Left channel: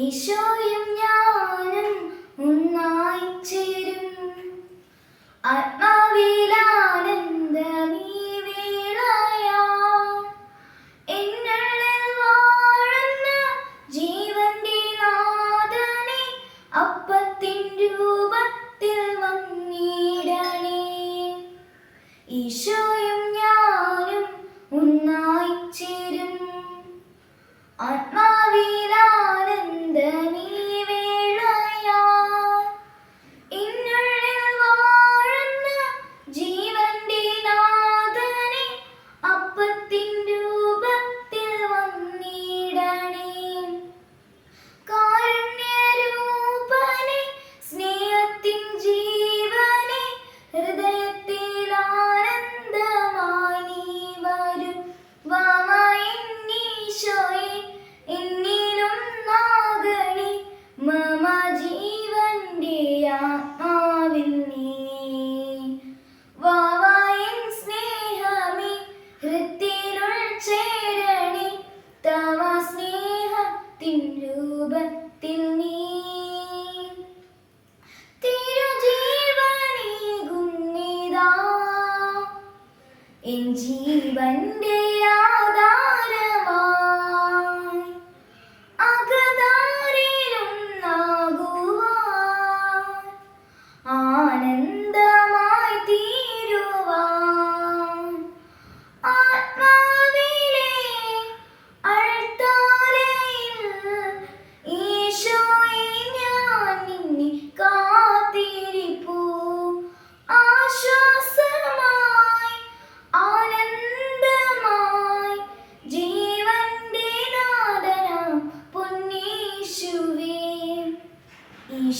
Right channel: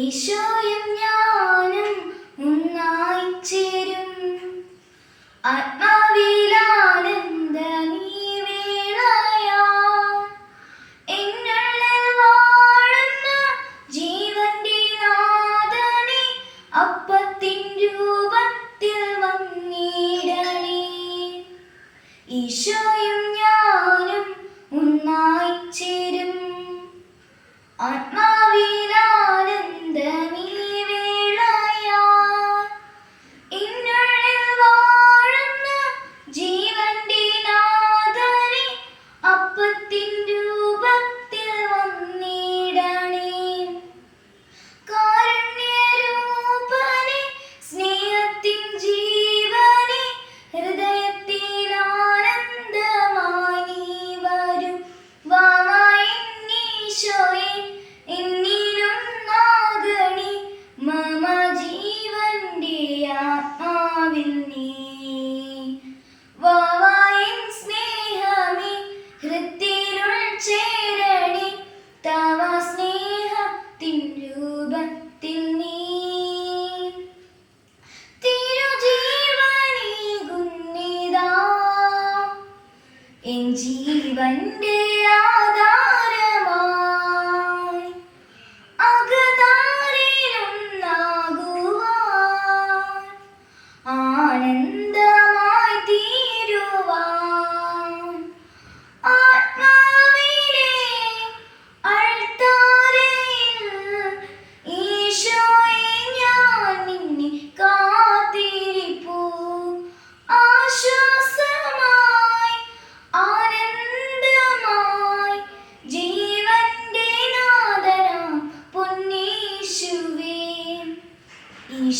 ഈശോയും जीवन आधार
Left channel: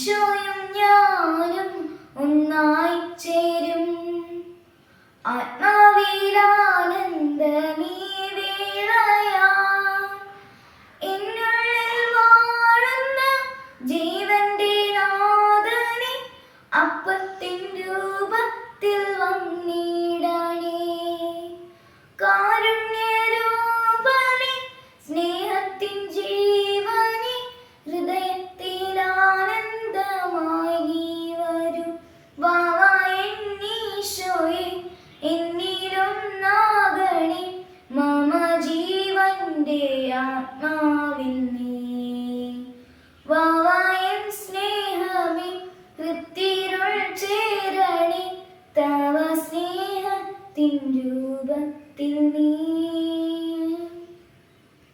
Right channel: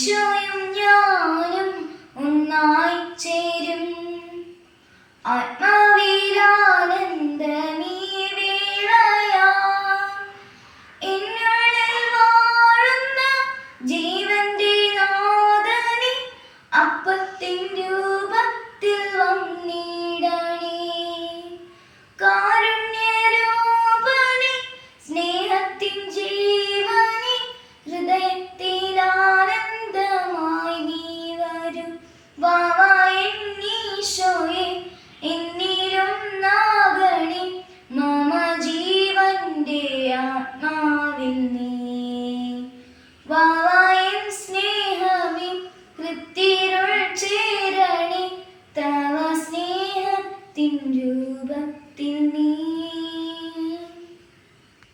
വിഷുവും ഞാനും ഒന്നായി ചേരും. ആത്മാവിലാനന്ദ വാഴുന്ന ജീവന്റെ നാഥനെ അപ്പത്തിന്റെ 15